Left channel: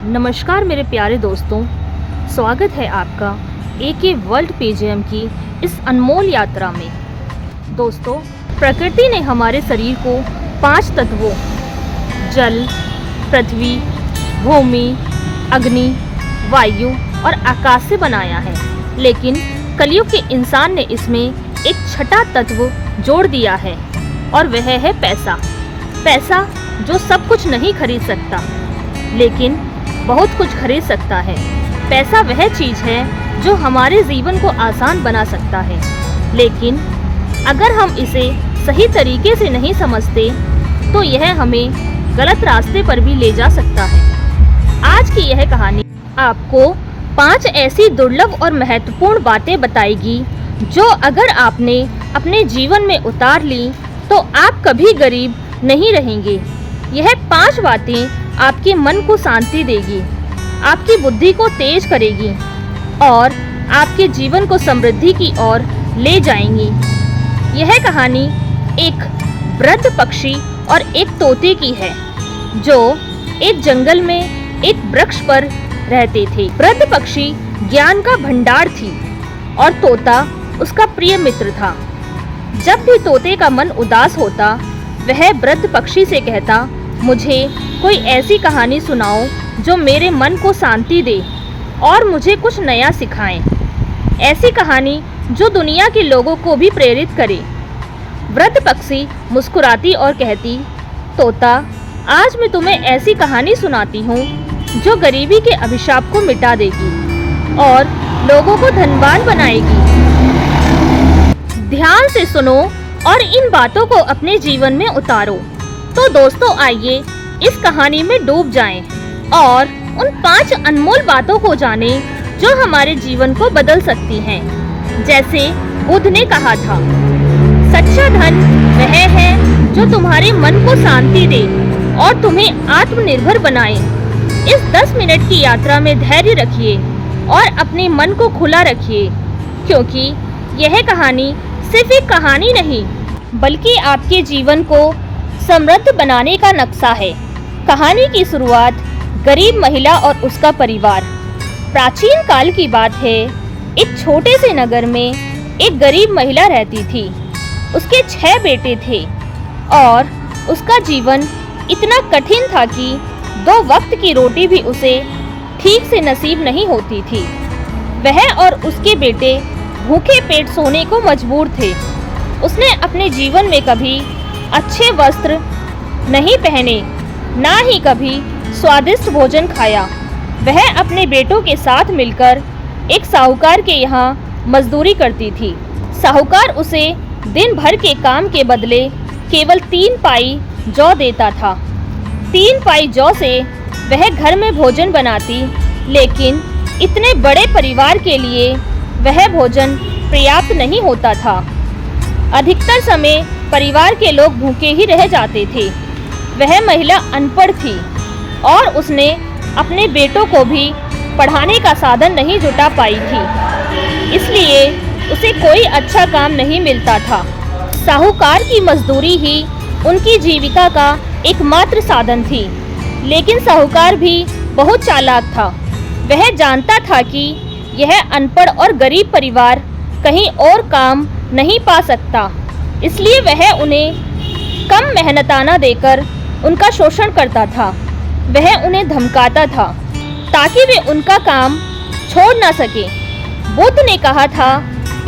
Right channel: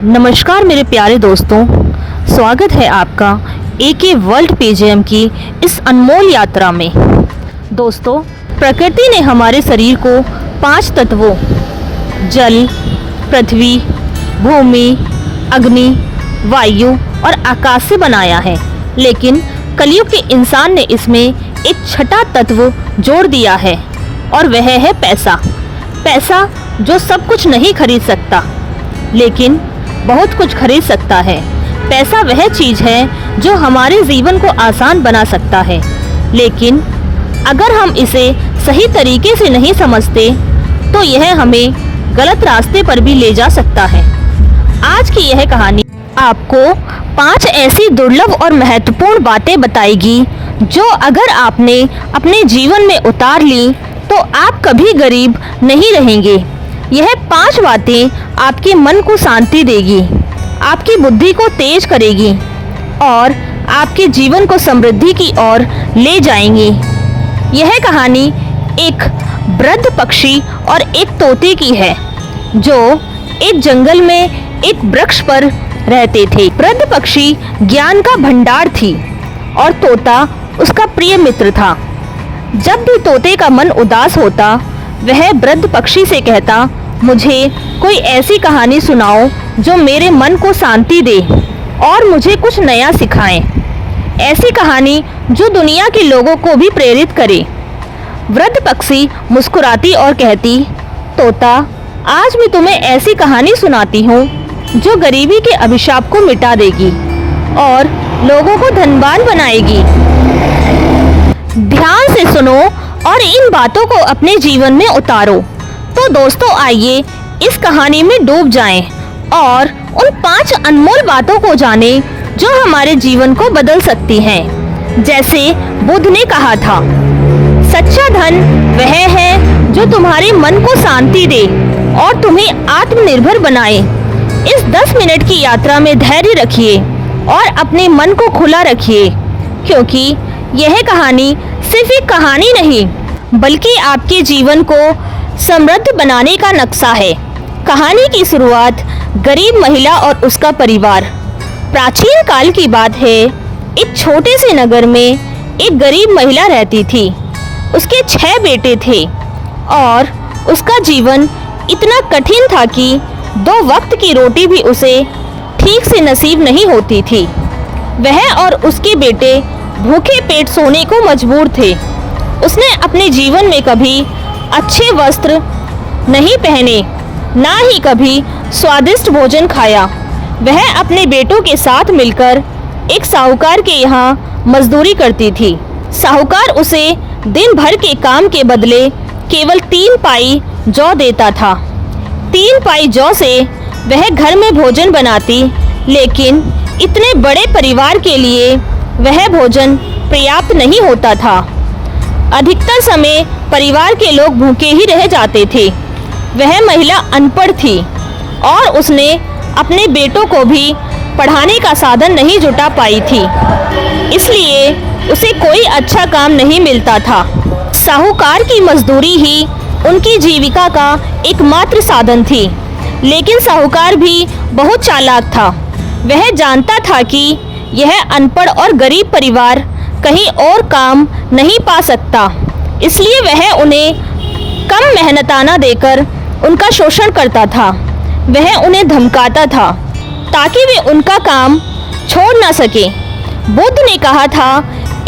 नमस्कार मेरे प्यारे दोस्तों, स्वागत है आपका एके वर्ल्ड पीजीएम की इस अनमोल यात्रा में। दोस्तों, प्रकृति ने हमारे शरीर को 5 तत्वों जल, पृथ्वी, भूमि, अग्नि, वायु और आकाश से बनाया है, लेकिन कलयुग के इंसान ने इसमें एक छठा तत्व जोड़ दिया है और वह है पैसा। पैसा जो सब कुछ नहीं खरीद सकता, लेकिन बहुत कुछ खरीद सकता है। पैसा वह चीज़ है जो हमारे जीवन को आसान बना सकता है, लेकिन अगर हम इसे सही तरीके से नहीं समझते तो यह हमें गलत रास्ते पर भी ले जा सकता है। आज की यह कहानी आपको 5 ऐसी दुर्लभ और महत्वपूर्ण बातें बताएगी जो अगर आपने अपने जीवन में उतार ली तो आप कभी गरीब नहीं रहेंगे। यह 5 बातें आपके मन को शांति देगी, आपकी बुद्धि को तेज करेगी और आपके जीवन को समृद्धि की ओर ले जाएंगी। यह कहानी एक वृद्ध पक्षी और एक तोते की है जो एक जंगल में एक वृक्ष पर रहते थे। वृद्ध पक्षी ज्ञान का भंडार थी और तोता उसका प्रिय मित्र था। जब भी तोते का मन उदास होता, वह वृद्ध पक्षी से कहता, मुझे कोई ऐसी कहानी सुनाओ जो मेरे मन को शांति दे और मुझे कुछ नया सिखाए। ऐसी कहानी जो दुनिया के लोगों को भी प्रेरित करे। वृद्ध पक्षी मुस्कुराती और कहती, तोता, आज मैं तुम्हें ऐसी कहानी सुनाती हूँ जो गरीबी के अभिशाप को मिटा देगी और लोगों को धनवान बनाएगी। ध्यान से सुनो और इन बातों को अपने जीवन में उतारो। तो दोस्तों, आइए इस कहानी में डूब जाएं और उन 5 अनमोल बातों को जानें जो हमारे जीवन को बदल सकती हैं। जैसे बुद्ध ने कहा था, सच्चा धन वह है जो तुम्हारे मन को शांति दे और तुम्हें आत्मनिर्भर बनाए। इस 10 मिनट की यात्रा में धैर्य रखिए और अपने मन को खुला रखिए, क्योंकि यह कहानी सिर्फ एक कहानी नहीं बल्कि आपके जीवन को समृद्ध बनाने का नक्शा है। कहानी की शुरुआत गरीब महिला और उसका परिवार। प्राचीन काल की बात है। एक छोटे से नगर में एक गरीब महिला रहती थी। उसके 6 बेटे थे और उसका जीवन इतना कठिन था कि 2 वक्त की रोटी भी उसे ठीक से नसीब नहीं होती थी। वह और उसके बेटे भूखे पेट सोने को मजबूर थे। उसने अपने जीवन में कभी अच्छे वस्त्र नहीं पहने, ना ही कभी स्वादिष्ट भोजन खाया। वह अपने बेटों के साथ मिलकर एक साहूकार के यहाँ मजदूरी करती थी। साहूकार उसे दिन भर के काम के बदले केवल 3 पाई जौ देता था। 3 पाई जौ से वह घर में भोजन बनाती, लेकिन इतने बड़े परिवार के लिए वह भोजन पर्याप्त नहीं होता था। अधिकतर समय परिवार के लोग भूखे ही रह जाते थे। वह महिला अनपढ़ थी और उसने अपने बेटों को भी पढ़ाने का साधन नहीं जुटा पाई थी, इसलिए उसे कोई अच्छा काम नहीं मिलता था। साहूकार की मजदूरी ही उनकी जीविका का एकमात्र साधन थी, लेकिन साहूकार भी बहुत चालाक था। वह जानता था कि यह अनपढ़ और गरीब परिवार कहीं और काम नहीं पा सकता, इसलिए वह उन्हें कम मेहनताना देकर उनका शोषण करता था। वह उन्हें धमकाता था ताकि वे उनका काम छोड़ न सके। बुद्ध ने कहा था,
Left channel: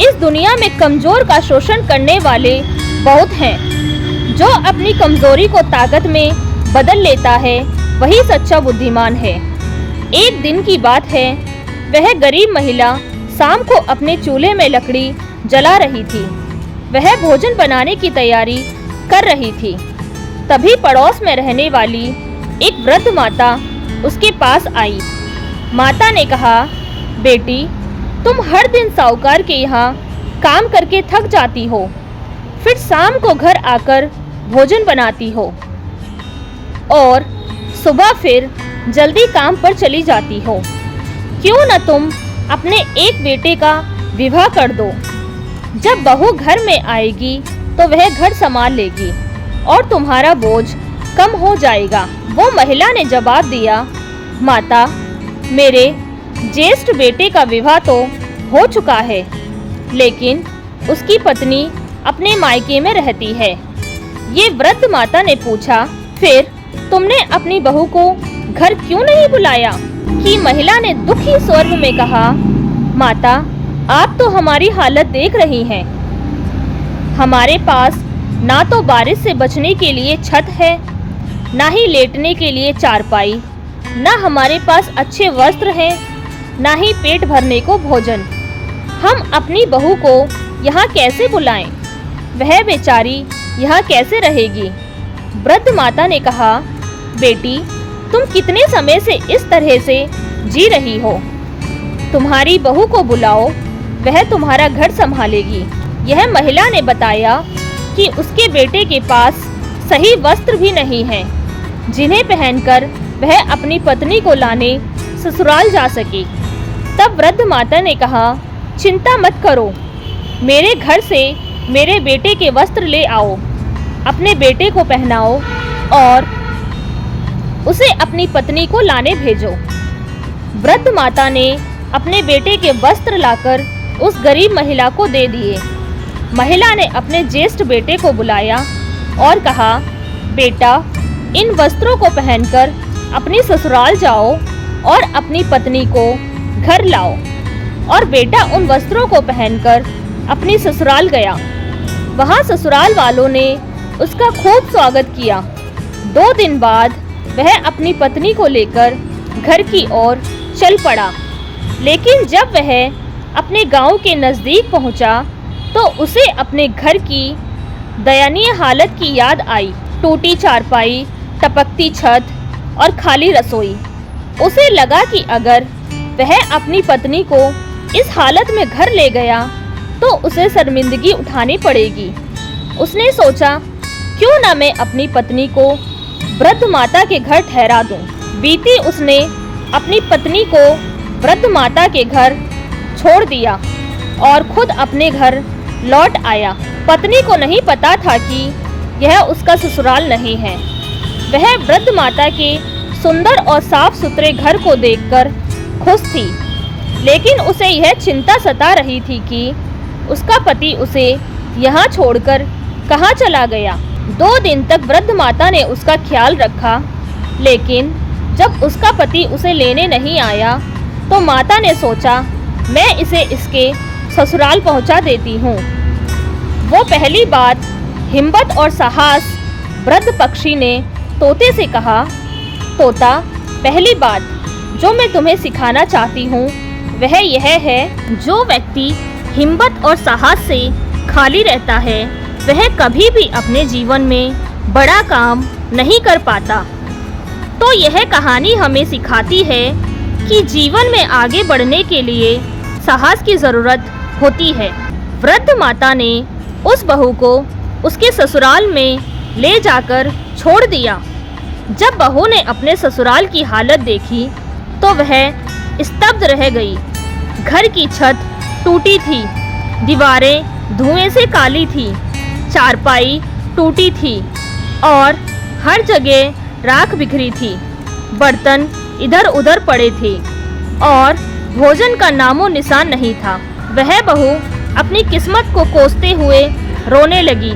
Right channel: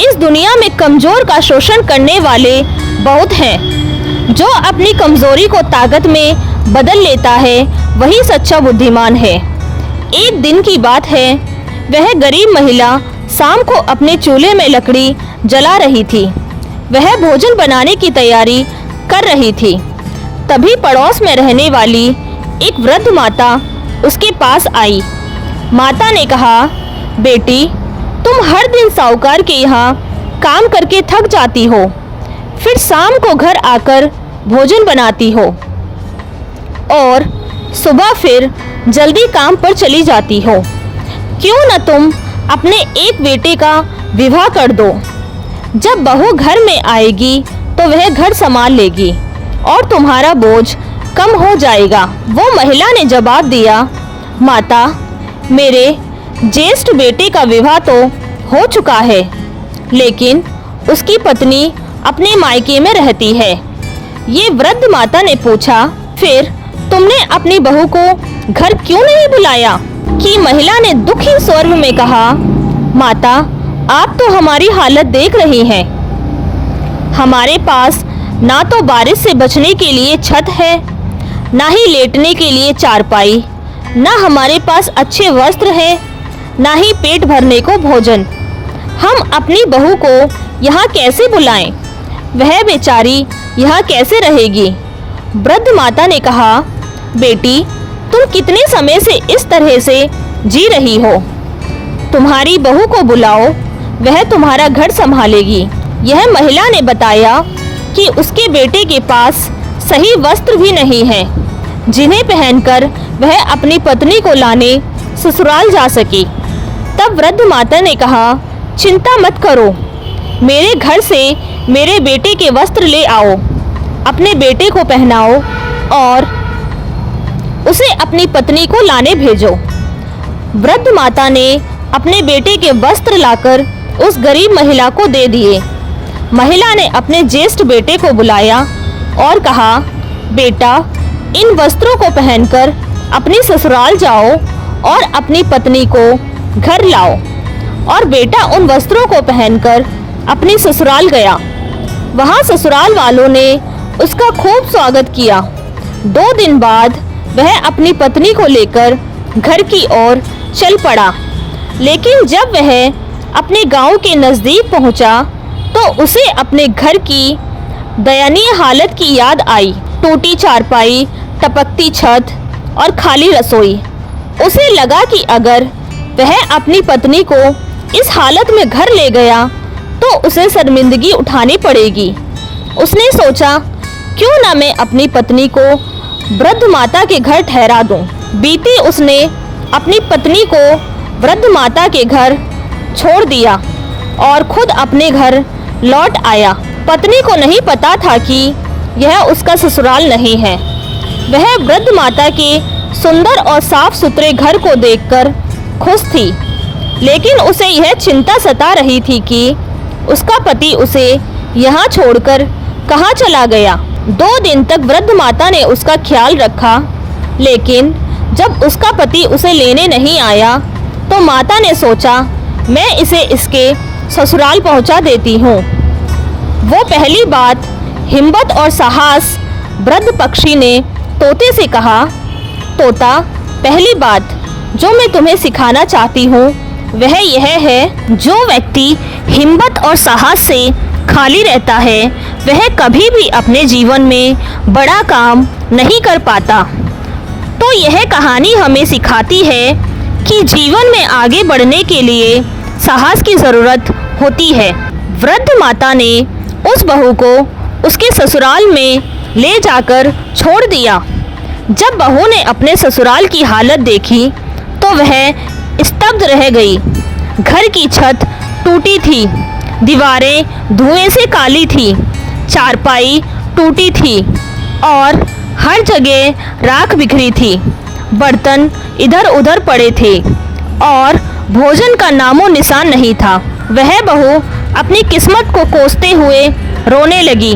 इस दुनिया में कमजोर का शोषण करने वाले बहुत हैं। जो अपनी कमजोरी को ताकत में बदल लेता है वही सच्चा बुद्धिमान है। एक दिन की बात है, वह गरीब महिला शाम को अपने चूल्हे में लकड़ी जला रही थी। वह भोजन बनाने की तैयारी कर रही थी। तभी पड़ोस में रहने वाली एक वृद्ध माता उसके पास आई। माता ने कहा, बेटी, तुम हर दिन साहूकार के यहाँ काम करके थक जाती हो, फिर शाम को घर आकर भोजन बनाती हो और सुबह फिर जल्दी काम पर चली जाती हो। क्यों न तुम अपने एक बेटे का विवाह कर दो। जब बहू घर में आएगी तो वह घर संभाल लेगी और तुम्हारा बोझ कम हो जाएगा। वो महिला ने जवाब दिया, माता, मेरे ज्येष्ठ बेटे का विवाह तो हो चुका है, लेकिन उसकी पत्नी अपने मायके में रहती है। ये वृद्ध माता ने पूछा, फिर तुमने अपनी बहू को घर क्यों नहीं बुलाया? कि महिला ने दुखी स्वर में कहा, माता, आप तो हमारी हालत देख रही हैं। हमारे पास ना तो बारिश से बचने के लिए छत है, ना ही लेटने के लिए चारपाई, ना हमारे पास अच्छे वस्त्र हैं, ना ही पेट भरने को भोजन। हम अपनी बहू को यहाँ कैसे बुलाएं? वह बेचारी यहाँ कैसे रहेगी? वृद्ध माता ने कहा, बेटी, तुम कितने समय से इस तरह से जी रही हो? तुम्हारी बहू को बुलाओ, वह तुम्हारा घर संभालेगी। यह महिला ने बताया कि उसके बेटे के पास सही वस्त्र भी नहीं है, जिन्हें पहनकर वह अपनी पत्नी को लाने ससुराल जा सके। तब वृद्ध माता ने कहा, चिंता मत करो, मेरे घर से मेरे बेटे के वस्त्र ले आओ, अपने बेटे को पहनाओ और उसे अपनी पत्नी को लाने भेजो। वृद्ध माता ने अपने बेटे के वस्त्र लाकर उस गरीब महिला को दे दिए। महिला ने अपने ज्येष्ठ बेटे को बुलाया और कहा, बेटा, इन वस्त्रों को पहनकर अपनी ससुराल जाओ और अपनी पत्नी को घर लाओ। और बेटा उन वस्त्रों को पहनकर अपनी ससुराल गया। वहाँ ससुराल वालों ने उसका खूब स्वागत किया। 2 दिन बाद वह अपनी पत्नी को लेकर घर की ओर चल पड़ा। लेकिन जब वह अपने गांव के नज़दीक पहुंचा तो उसे अपने घर की दयनीय हालत की याद आई। टूटी चारपाई, टपकती छत और खाली रसोई। उसे लगा कि अगर वह अपनी पत्नी को इस हालत में घर ले गया तो उसे शर्मिंदगी उठानी पड़ेगी। उसने सोचा, क्यों न मैं अपनी पत्नी को वृद्ध माता के घर ठहरा दूं। बीती उसने अपनी पत्नी को वृद्ध माता के घर छोड़ दिया और खुद अपने घर लौट आया। पत्नी को नहीं पता था कि यह उसका ससुराल नहीं है। वह वृद्ध माता के सुंदर और साफ सुथरे घर को देखकर खुश थी, लेकिन उसे यह चिंता सता रही थी कि उसका पति उसे यहाँ छोड़कर कहाँ चला गया। 2 दिन तक वृद्ध माता ने उसका ख्याल रखा, लेकिन जब उसका पति उसे लेने नहीं आया तो माता ने सोचा, मैं इसे इसके ससुराल पहुंचा देती हूँ। वो पहली बात हिम्मत और साहस वृद्ध पक्षी ने तोते से कहा, तोता, पहली बात जो मैं तुम्हें सिखाना चाहती हूँ वह यह है, जो व्यक्ति हिम्मत और साहस से खाली रहता है वह कभी भी अपने जीवन में बड़ा काम नहीं कर पाता। तो यह कहानी हमें सिखाती है कि जीवन में आगे बढ़ने के लिए साहस की ज़रूरत होती है। वृद्ध माता ने उस बहू को उसके ससुराल में ले जाकर छोड़ दिया। जब बहू ने अपने ससुराल की हालत देखी तो वह स्तब्ध रह गई। घर की छत टूटी थी, दीवारें धुएं से काली थी, चारपाई टूटी थी और हर जगह राख बिखरी थी। बर्तन इधर उधर पड़े थे और भोजन का नामो निशान नहीं था। वह बहू अपनी किस्मत को कोसते हुए रोने लगी,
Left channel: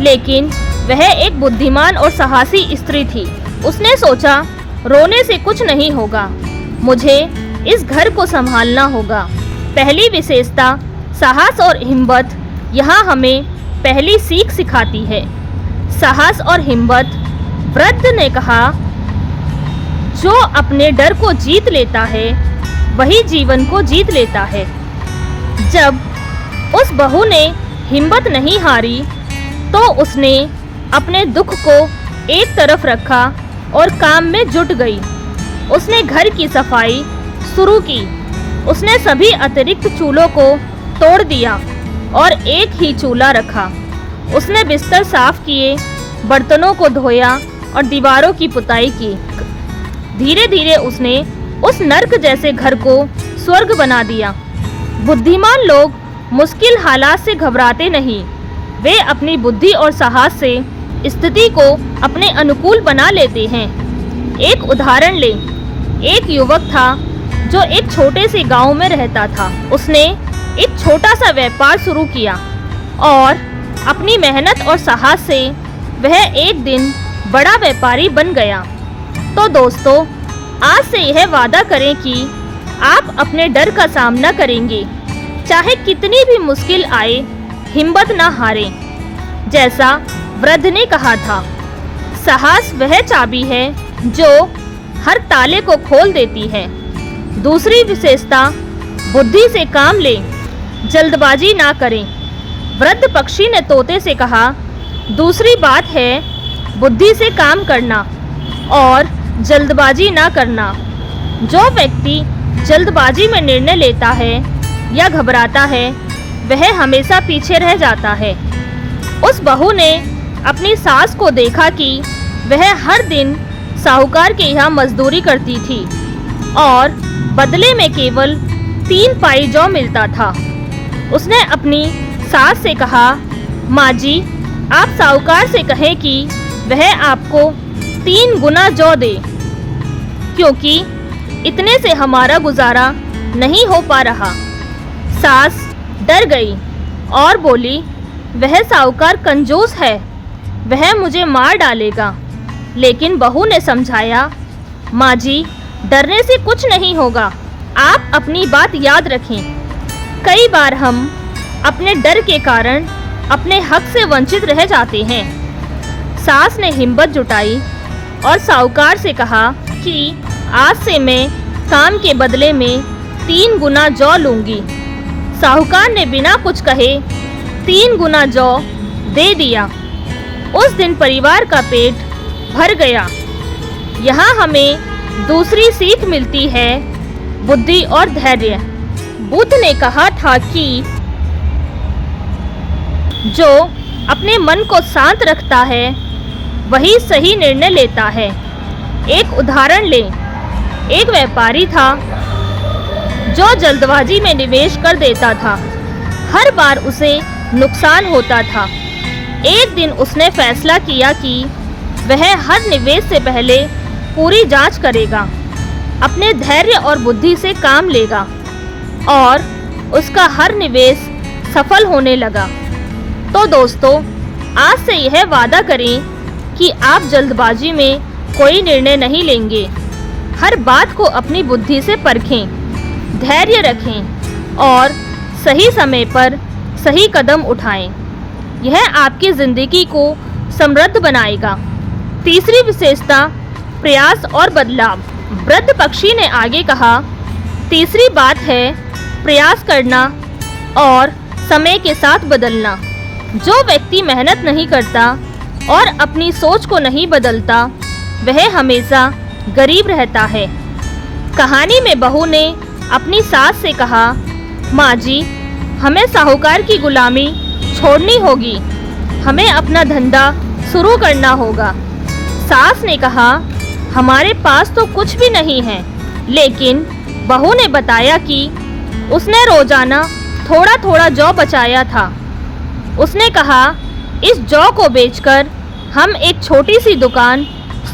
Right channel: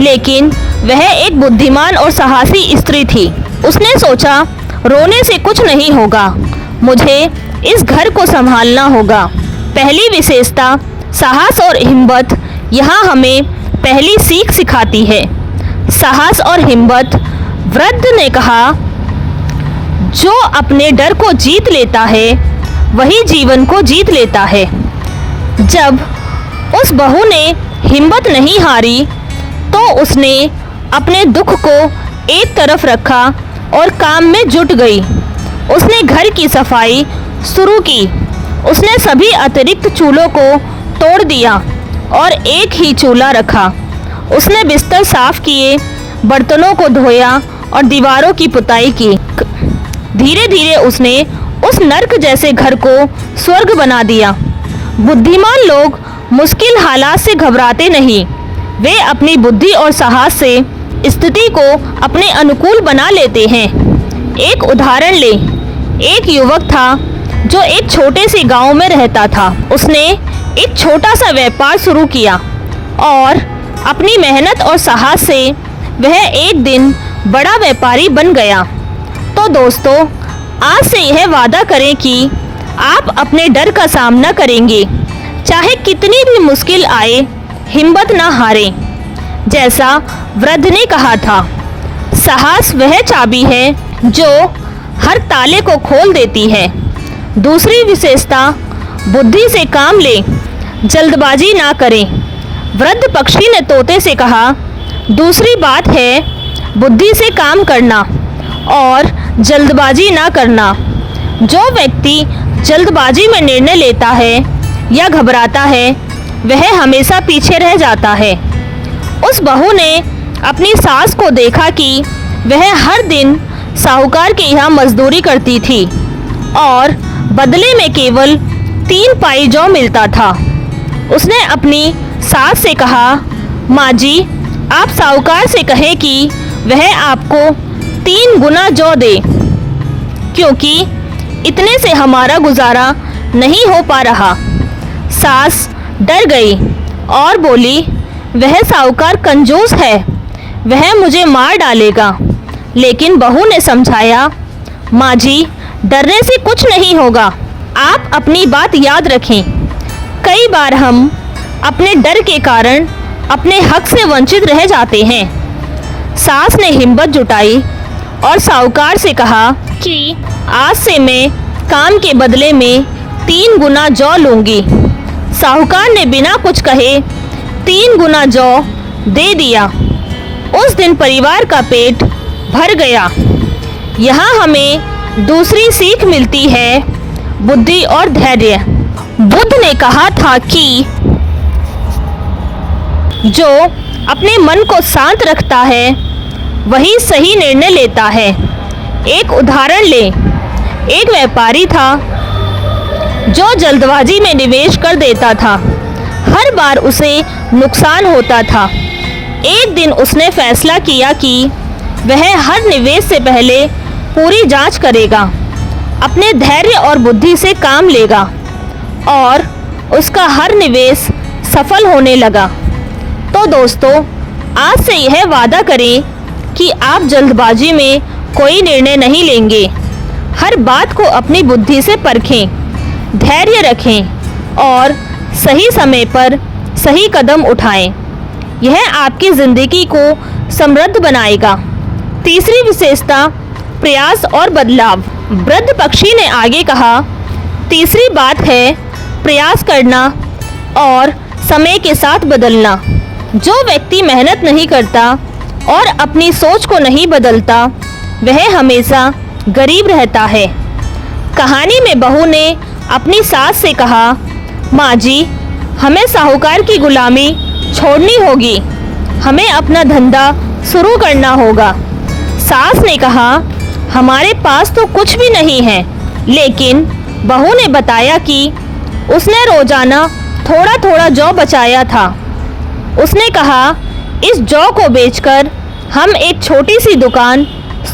लेकिन वह एक बुद्धिमान और साहसी स्त्री थी। उसने सोचा, रोने से कुछ नहीं होगा, मुझे इस घर को संभालना होगा। पहली विशेषता साहस और हिम्मत यहाँ हमें पहली सीख सिखाती है। साहस और हिम्मत। वृद्ध ने कहा, जो अपने डर को जीत लेता है वही जीवन को जीत लेता है। जब उस बहू ने हिम्मत नहीं हारी तो उसने अपने दुख को एक तरफ रखा और काम में जुट गई। उसने घर की सफाई शुरू की। उसने सभी अतिरिक्त चूल्हों को तोड़ दिया और एक ही चूल्हा रखा। उसने बिस्तर साफ किए, बर्तनों को धोया और दीवारों की पुताई की। धीरे धीरे उसने उस नर्क जैसे घर को स्वर्ग बना दिया। बुद्धिमान लोग मुश्किल हालात से घबराते नहीं, वे अपनी बुद्धि और साहस से स्थिति को अपने अनुकूल बना लेते हैं। एक उदाहरण लें। एक युवक था जो एक छोटे से गांव में रहता था। उसने एक छोटा सा व्यापार शुरू किया और अपनी मेहनत और साहस से वह एक दिन बड़ा व्यापारी बन गया। तो दोस्तों, आज से यह वादा करें कि आप अपने डर का सामना करेंगे, चाहे कितनी भी मुश्किल आए, हिम्मत ना हारें। जैसा वृद्ध ने कहा था, साहस वह चाबी है जो हर ताले को खोल देती है। दूसरी विशेषता, बुद्धि से काम लें, जल्दबाजी ना करें। वृद्ध पक्षी ने तोते से कहा, दूसरी बात है बुद्धि से काम करना और जल्दबाजी ना करना। जो व्यक्ति जल्दबाजी में निर्णय लेता है या घबराता है, वह हमेशा पीछे रह जाता है। उस बहू ने अपनी सास को देखा कि वह हर दिन साहूकार के यहाँ मजदूरी करती थी और बदले में केवल 3 पाई जौ मिलता था। उसने अपनी सास से कहा, माँ जी, आप साहूकार से कहें कि वह आपको 3 गुना जौ दे, क्योंकि इतने से हमारा गुजारा नहीं हो पा रहा। सास डर गई और बोली, वह साहूकार कंजूस है, वह मुझे मार डालेगा। लेकिन बहू ने समझाया, माँ जी, डरने से कुछ नहीं होगा, आप अपनी बात याद रखें। कई बार हम अपने डर के कारण अपने हक से वंचित रह जाते हैं। सास ने हिम्मत जुटाई और साहूकार से कहा कि आज से मैं काम के बदले में 3 गुना जौ लूँगी। साहूकार ने बिना कुछ कहे 3 गुना जौ दे दिया। उस दिन परिवार का पेट भर गया। यहाँ हमें दूसरी सीख मिलती है, बुद्धि और धैर्य। बुद्ध ने कहा था कि जो अपने मन को शांत रखता है वही सही निर्णय लेता है। एक उदाहरण लें, एक व्यापारी था जो जल्दबाजी में निवेश कर देता था। हर बार उसे नुकसान होता था। एक दिन उसने फैसला किया कि वह हर निवेश से पहले पूरी जांच करेगा, अपने धैर्य और बुद्धि से काम लेगा और उसका हर निवेश सफल होने लगा। तो दोस्तों, आज से यह वादा करें कि आप जल्दबाजी में कोई निर्णय नहीं लेंगे। हर बात को अपनी बुद्धि से परखें, धैर्य रखें और सही समय पर सही कदम उठाएं। यह आपकी ज़िंदगी को समृद्ध बनाएगा। तीसरी विशेषता, प्रयास और बदलाव। वृद्ध पक्षी ने आगे कहा, तीसरी बात है प्रयास करना और समय के साथ बदलना। जो व्यक्ति मेहनत नहीं करता और अपनी सोच को नहीं बदलता, वह हमेशा गरीब रहता है। कहानी में बहू ने अपनी सास से कहा, माँ जी, हमें साहूकार की गुलामी छोड़नी होगी, हमें अपना धंधा शुरू करना होगा। सास ने कहा, हमारे पास तो कुछ भी नहीं है। लेकिन बहू ने बताया कि उसने रोजाना थोड़ा थोड़ा जौ बचाया था। उसने कहा, इस जौ को बेचकर हम एक छोटी सी दुकान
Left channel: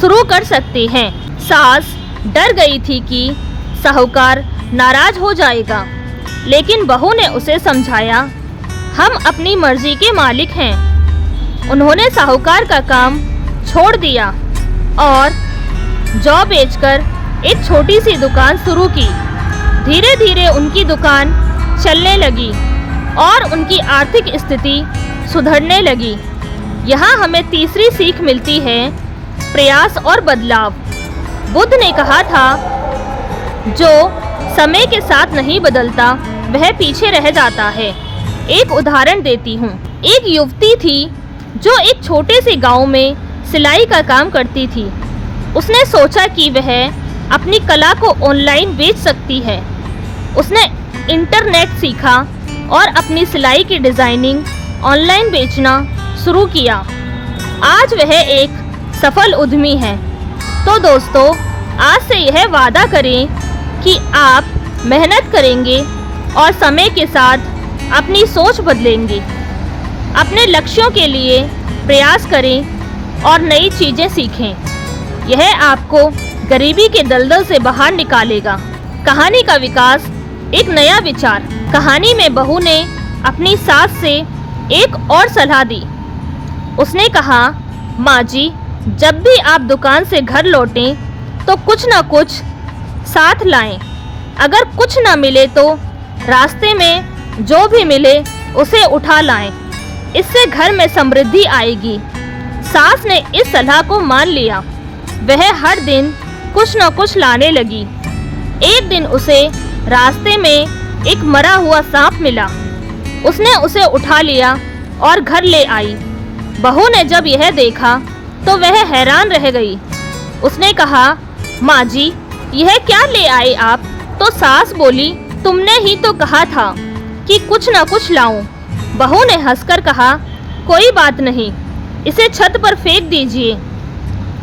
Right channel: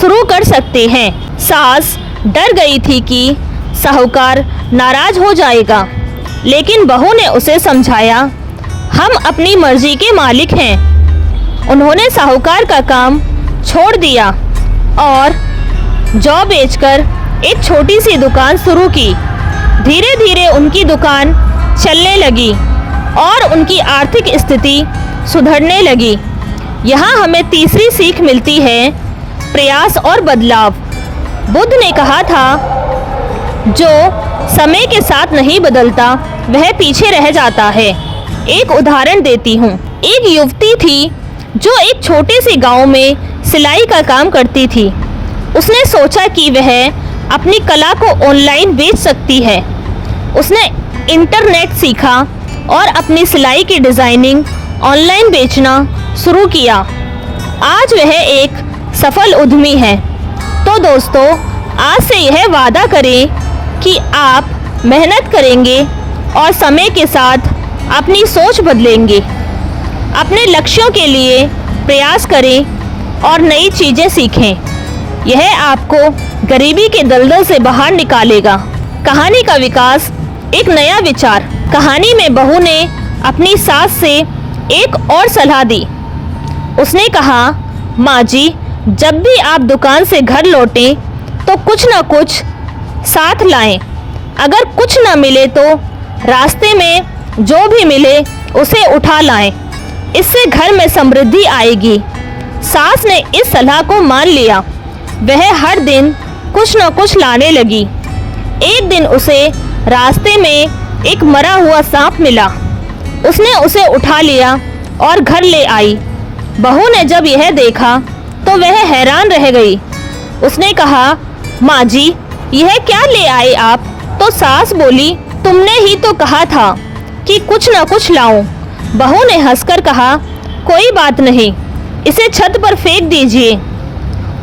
शुरू कर सकते हैं। सास डर गई थी कि साहूकार नाराज हो जाएगा, लेकिन बहू ने उसे समझाया, हम अपनी मर्जी के मालिक हैं। उन्होंने साहूकार का काम छोड़ दिया और जौ बेचकर एक छोटी सी दुकान शुरू की। धीरे धीरे उनकी दुकान चलने लगी और उनकी आर्थिक स्थिति सुधरने लगी। यहाँ हमें तीसरी सीख मिलती है, प्रयास और बदलाव। बुद्ध ने कहा था, जो समय के साथ नहीं बदलता वह पीछे रह जाता है। एक उदाहरण देती हूँ। एक युवती थी जो एक छोटे से गांव में सिलाई का काम करती थी। उसने सोचा कि वह अपनी कला को ऑनलाइन बेच सकती है। उसने इंटरनेट सीखा और अपनी सिलाई की डिज़ाइनिंग ऑनलाइन बेचना शुरू किया। आज वह एक सफल उद्यमी है। तो दोस्तों, आज से यह वादा करें कि आप मेहनत करेंगे और समय के साथ अपनी सोच बदलेंगे। अपने लक्ष्यों के लिए प्रयास करें और नई चीज़ें सीखें। यह आपको गरीबी के दलदल से बाहर निकालेगा। कहानी का विकास, एक नया विचार। कहानी में बहू ने अपनी सास से एक और सलाह दी। उसने कहा, माँ जी, जब भी आप दुकान से घर लौटें तो कुछ ना कुछ साथ लाएं। अगर कुछ ना मिले तो रास्ते में जो भी मिले उसे उठा लाएं। इससे घर में समृद्धि आएगी। सास ने इस सलाह को मान लिया। वह हर दिन कुछ न कुछ लाने लगी। एक दिन उसे रास्ते में एक मरा हुआ सांप मिला। उसने उसे उठा लिया और घर ले आई। बहू ने जब यह देखा तो वह हैरान रह गई। उसने कहा, माँ जी, यह क्या ले आए आप? तो सास बोली, तुमने ही तो कहा था कि कुछ ना कुछ लाऊं। बहू ने हंसकर कहा, कोई बात नहीं, इसे छत पर फेंक दीजिए।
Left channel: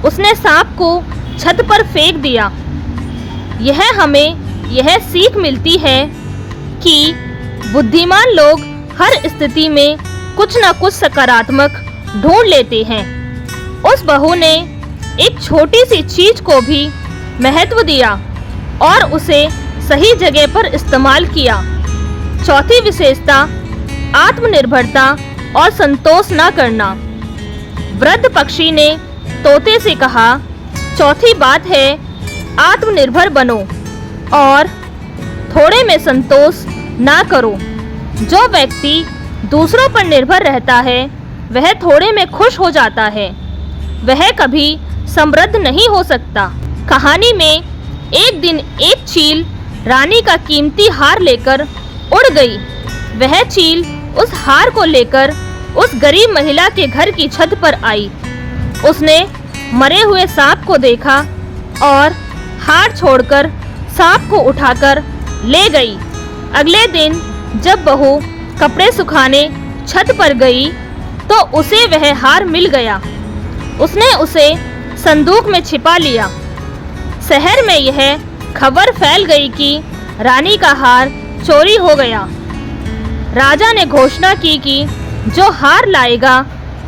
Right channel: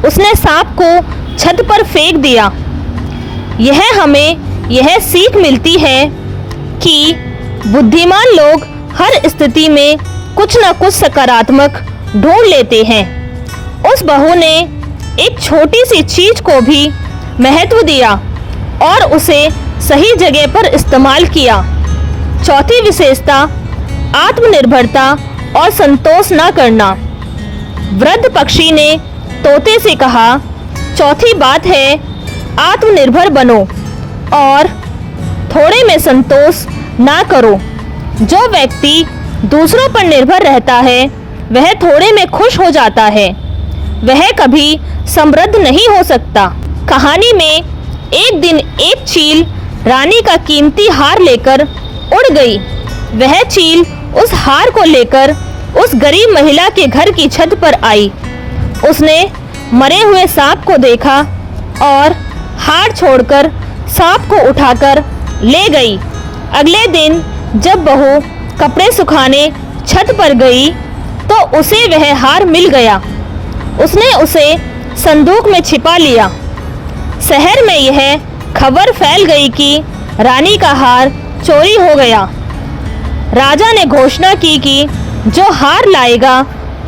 उसने सांप को छत पर फेंक दिया। हमें यह सीख मिलती है कि बुद्धिमान लोग हर स्थिति में कुछ न कुछ सकारात्मक ढूंढ लेते हैं। उस बहू ने एक छोटी सी चीज को भी महत्व दिया और उसे सही जगह पर इस्तेमाल किया। चौथी विशेषता, आत्मनिर्भरता और संतोष न करना। वृद्ध पक्षी ने तोते से कहा, चौथी बात है, आत्मनिर्भर बनो और थोड़े में संतोष ना करो। जो व्यक्ति दूसरों पर निर्भर रहता है वह थोड़े में खुश हो जाता है। वह कभी समृद्ध नहीं हो सकता। कहानी में एक दिन एक चील रानी का कीमती हार लेकर उड़ गई। वह चील उस हार को लेकर उस गरीब महिला के घर की छत पर आई। उसने मरे हुए सांप को देखा और हार छोड़कर सांप को उठाकर ले गई। अगले दिन जब बहू कपड़े सुखाने छत पर गई तो उसे वह हार मिल गया। उसने उसे संदूक में छिपा लिया। शहर में यह खबर फैल गई कि रानी का हार चोरी हो गया। राजा ने घोषणा की कि जो हार लाएगा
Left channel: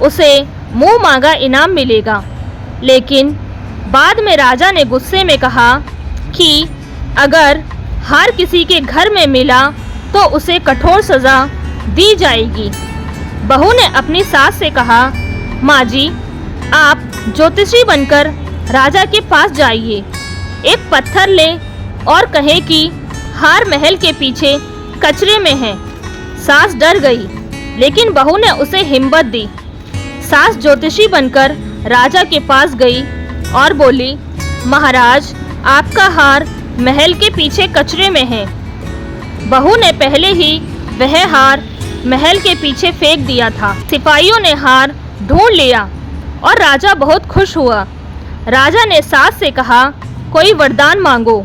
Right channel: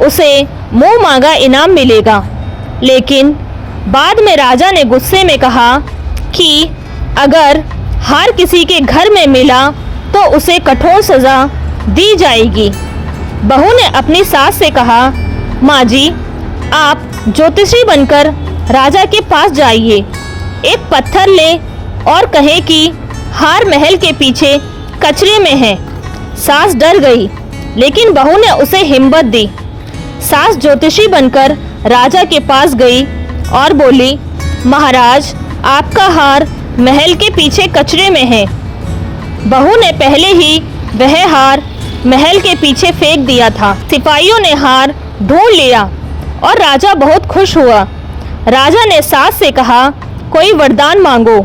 उसे मुंह मांगा इनाम मिलेगा। लेकिन बाद में राजा ने गुस्से में कहा कि अगर हार किसी के घर में मिला तो उसे कठोर सज़ा दी जाएगी। बहू ने अपनी सास से कहा, माँ जी, आप ज्योतिषी बनकर राजा के पास जाइए। एक पत्थर ले और कहे कि हार महल के पीछे कचरे में है। सास डर गई, लेकिन बहू ने उसे हिम्मत दी। सास ज्योतिषी बनकर राजा के पास गई और बोली, महाराज, आपका हार महल के पीछे कचरे में है। बहू ने पहले ही वह हार महल के पीछे फेंक दिया था। सिपाहियों ने हार ढूंढ लिया और राजा बहुत खुश हुआ। राजा ने सास से कहा, कोई वरदान मांगो।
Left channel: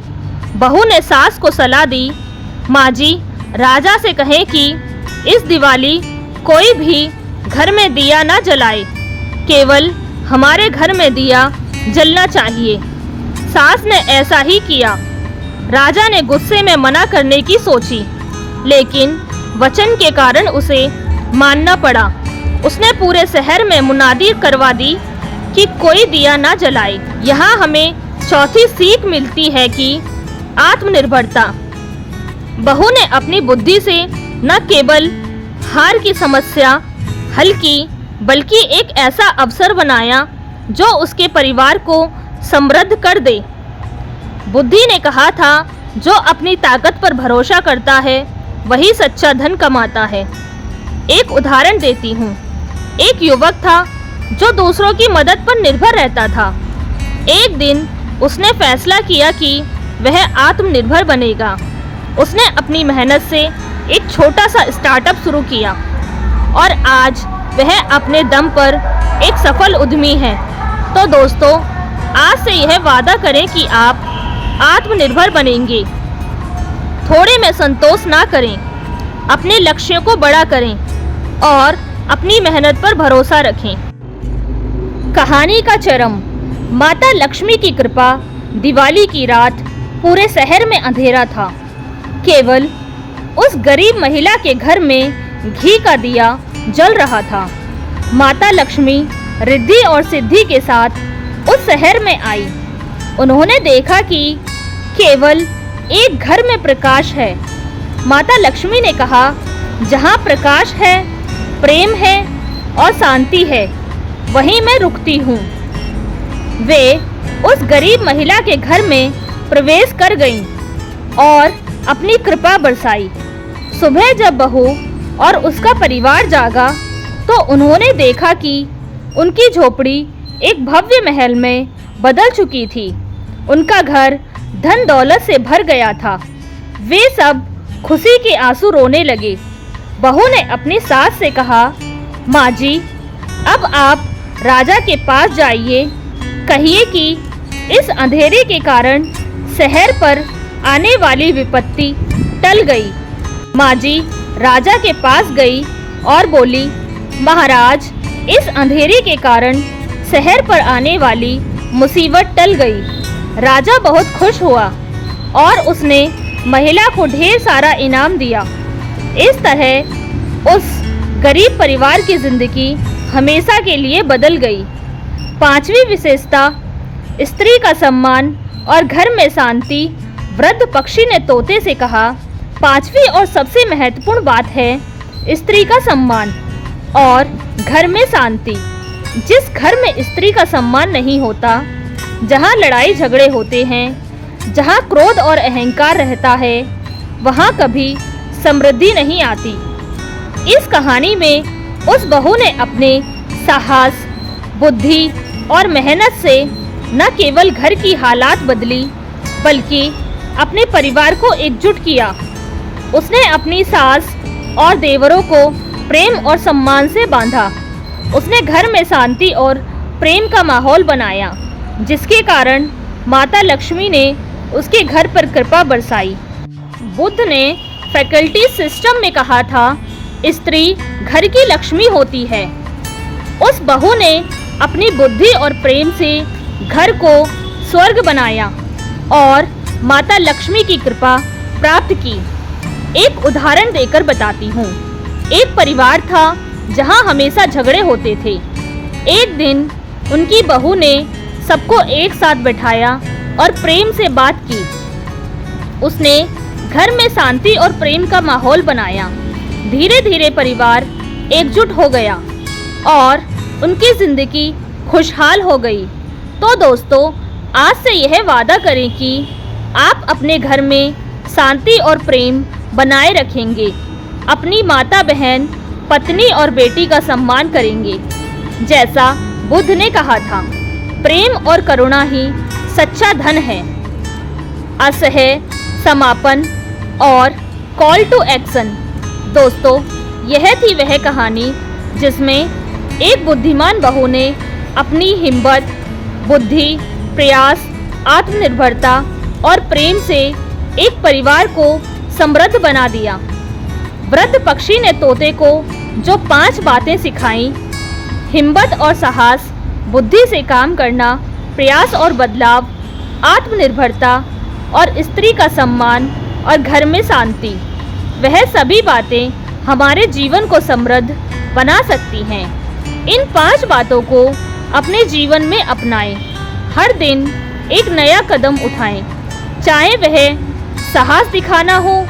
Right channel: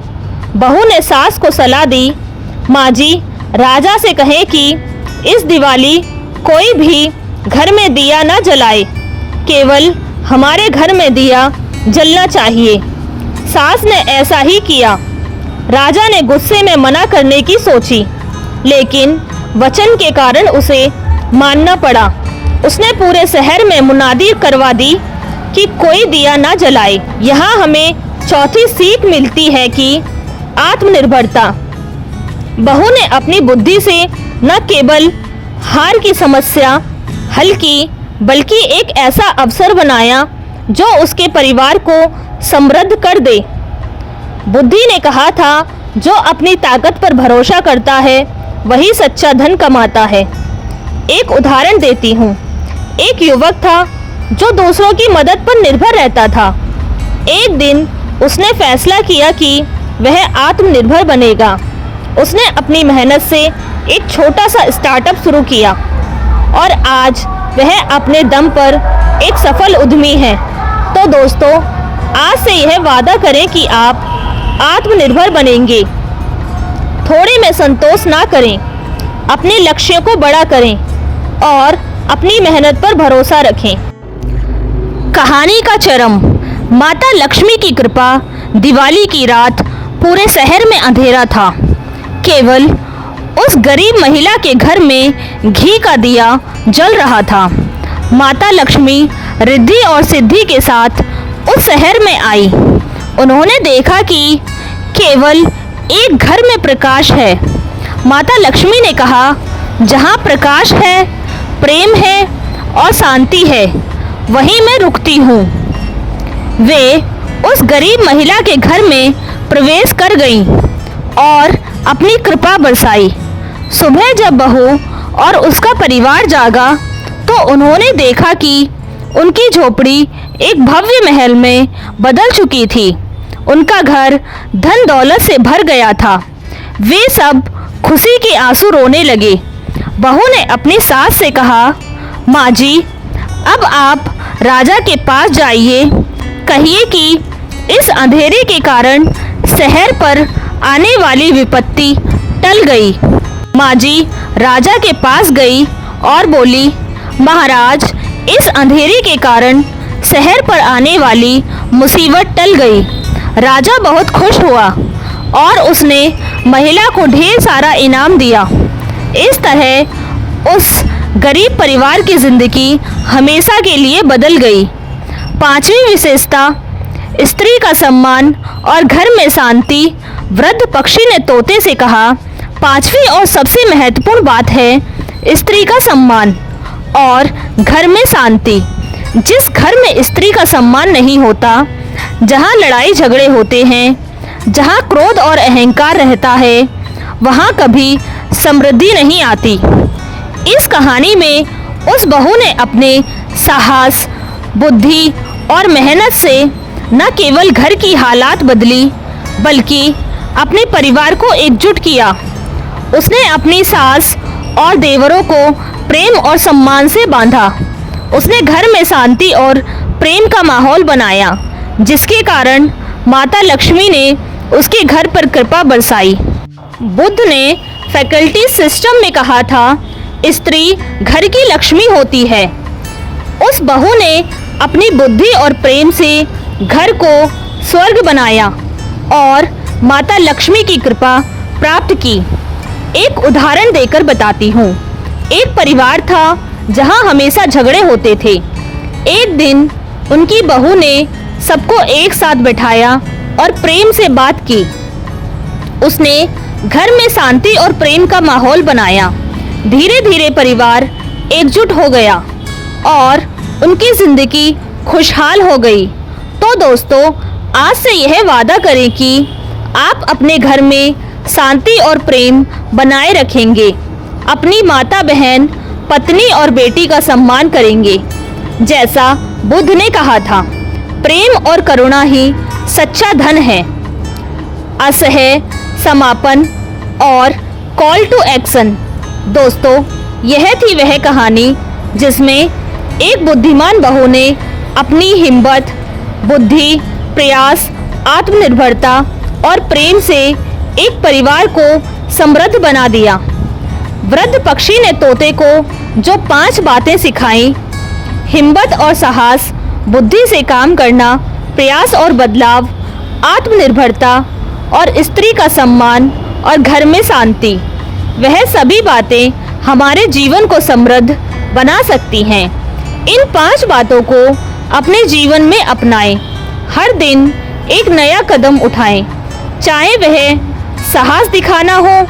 बहू ने सास को सलाह दी, माँ जी, राजा से कहें कि इस दिवाली कोई भी घर में दिया ना जलाए, केवल हमारे घर में दिया जलना चाहिए। सास ने ऐसा ही किया। राजा ने गुस्से में मना करने की सोची, लेकिन वचन के कारण उसे मानना पड़ा। उसने पूरे शहर में मुनादी करवा दी कि कोई दिया ना जलाए। यहाँ हमें चौथी सीख मिलती है कि आत्मनिर्भरता। बहू ने अपनी बुद्धि से न केवल हार की समस्या हल की, बल्कि एक ऐसा अवसर बनाया जो उसके परिवार को समृद्ध कर दे। बुद्धि ने कहा था, जो अपनी ताकत पर भरोसा करता है वही सच्चा धन कमाता है। एक उदाहरण देती हूँ। एक युवक था जो दूसरों की मदद पर निर्भर रहता था। एक दिन उसने फैसला किया कि वह आत्मनिर्भर बनेगा। उसने अपनी मेहनत से एक छोटा सा स्टार्टअप शुरू किया और आज वह अपने दम पर एक सफल उद्यमी है। तो दोस्तों, आज से यह वादा करें कि आप आत्मनिर्भर बनेंगे। थोड़े में संतोष ना करें, अपने लक्ष्यों को बड़ा करें और अपनी मेहनत पर भरोसा रखें। कहानी का चरम। माता लक्ष्मी की कृपा। दिवाली की रात पूरे शहर में अंधेरा था। केवल उस गरीब महिला के घर में घी का दिया जल रहा था। माता लक्ष्मी रिद्धि और सिद्धि के साथ उस शहर में आई। उन्होंने देखा कि केवल एक घर में प्रकाश है। माता लक्ष्मी ने कहा, जहाँ प्रकाश है, प्रेम है और शांति है, वहीं मैं रुकती हूँ। वे उस गरीब महिला के घर में प्रवेश कर गईं और अपनी कृपा बरसाई। सुबह जब बहू और उसका परिवार जागा तो उन्होंने देखा कि उनकी झोपड़ी एक भव्य महल में बदल चुकी थी। उनका घर धन दौलत से भर गया था। वे सब खुशी के आंसू रोने लगे। बहू ने अपनी सास से कहा, माँ जी, अब आप राजा के पास जाइए, कहिए कि इस अंधेरे के कारण शहर पर आने वाली विपत्ति टल गई। माँ जी राजा के पास गई और बोली, महाराज, इस अंधेरे के कारण शहर पर आने वाली मुसीबत टल गई। राजा बहुत खुश हुआ और उसने महिला को ढेर सारा इनाम दिया। इस तरह उस गरीब परिवार की जिंदगी हमेशा के लिए बदल गई। पांचवी विशेषता, स्त्री का सम्मान और घर में शांति। वृद्ध पक्षी ने तोते से कहा, पांचवी और सबसे महत्वपूर्ण बात है स्त्री का सम्मान और घर में शांति। जिस घर में स्त्री का सम्मान नहीं होता, जहाँ लड़ाई झगड़े होते हैं, जहाँ क्रोध और अहंकार रहता है, वहाँ कभी समृद्धि नहीं आती। इस कहानी में उस बहू ने अपने साहस, बुद्धि और मेहनत से न केवल घर की हालात बदली, बल्कि अपने परिवार को एकजुट किया। उसने अपनी सास और देवरों को प्रेम और सम्मान से बांधा। उसने घर में शांति और प्रेम का माहौल बनाया, जिसके कारण माता लक्ष्मी ने उसके घर पर कृपा बरसाई। बुद्ध ने फैकल्टी सिस्टम में कहा था, स्त्री घर की लक्ष्मी होती है। उस बहू ने अपनी बुद्धि और प्रेम से घर को स्वर्ग बनाया और माता लक्ष्मी की कृपा प्राप्त की। एक उदाहरण देकर बताती हूँ। एक परिवार था जहाँ हमेशा झगड़े होते थे। एक दिन उनकी बहू ने सबको एक साथ बैठाया और प्रेम से बात की। उसने घर में शांति और प्रेम का माहौल बनाया। धीरे धीरे परिवार एकजुट हो गया और उनकी जिंदगी खुशहाल हो गई। तो दोस्तों, आज से यह वादा करें कि आप अपने घर में शांति और प्रेम बनाए रखेंगे। अपनी माता, बहन, पत्नी और बेटी का सम्मान करेंगे, जैसा बुद्ध ने कहा था। प्रेम और करुणा ही सच्चा धन है। असह्य समापन और कॉल टू एक्शन। दोस्तों, यह थी वह कहानी जिसमें एक बुद्धिमान बहू ने अपनी हिम्मत, बुद्धि, प्रयास, आत्मनिर्भरता और प्रेम से एक परिवार को समृद्ध बना दिया। वृद्ध पक्षी ने तोते को जो 5 बातें सिखाई, हिम्मत और साहस, बुद्धि से काम करना, प्रयास और बदलाव, आत्मनिर्भरता और स्त्री का सम्मान और घर में शांति, वह सभी बातें हमारे जीवन को समृद्ध बना सकती हैं। इन 5 बातों को अपने जीवन में अपनाएं। हर दिन एक नया कदम उठाएं, चाहे वह साहस दिखाना हो,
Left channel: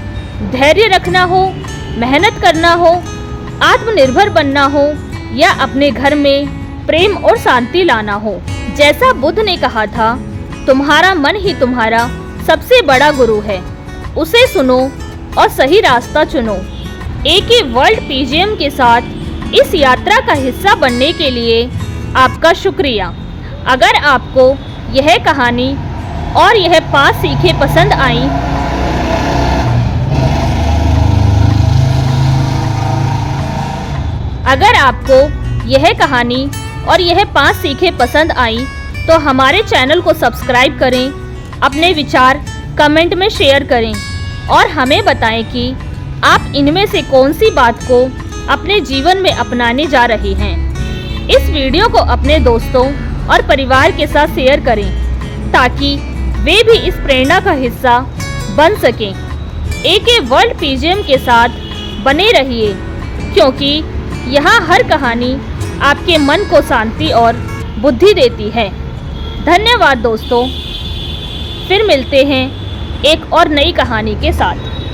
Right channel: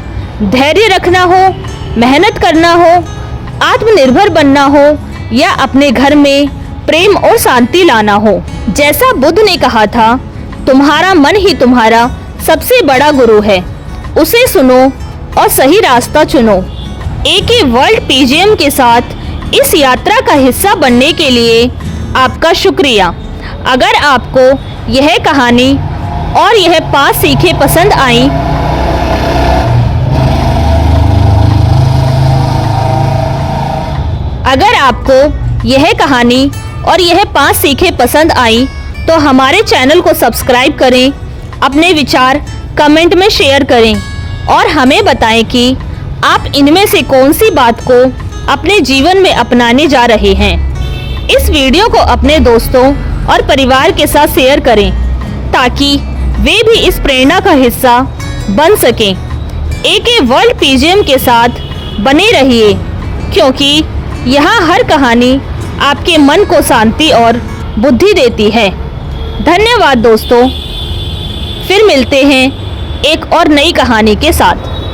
धैर्य रखना हो, मेहनत करना हो, आत्मनिर्भर बनना हो या अपने घर में प्रेम और शांति लाना हो। जैसा बुद्ध ने कहा था, तुम्हारा मन ही तुम्हारा सबसे बड़ा गुरु है। उसे सुनो और सही रास्ता चुनो। AK वर्ल्ड PGM के साथ इस यात्रा का हिस्सा बनने के लिए आपका शुक्रिया। अगर आपको यह कहानी और यह 5 सीखें पसंद आई तो हमारे चैनल को सब्सक्राइब करें, अपने विचार कमेंट में शेयर करें और हमें बताएं कि आप इनमें से कौन सी बात को अपने जीवन में अपनाने जा रहे हैं। इस वीडियो को अपने दोस्तों और परिवार के साथ शेयर करें ताकि वे भी इस प्रेरणा का हिस्सा बन सकें। AK वर्ल्ड PGM के साथ बने रहिए, क्योंकि यहाँ हर कहानी आपके मन को शांति और बुद्धि देती है। धन्यवाद दोस्तों। फिर मिलते हैं एक और नई कहानी के साथ।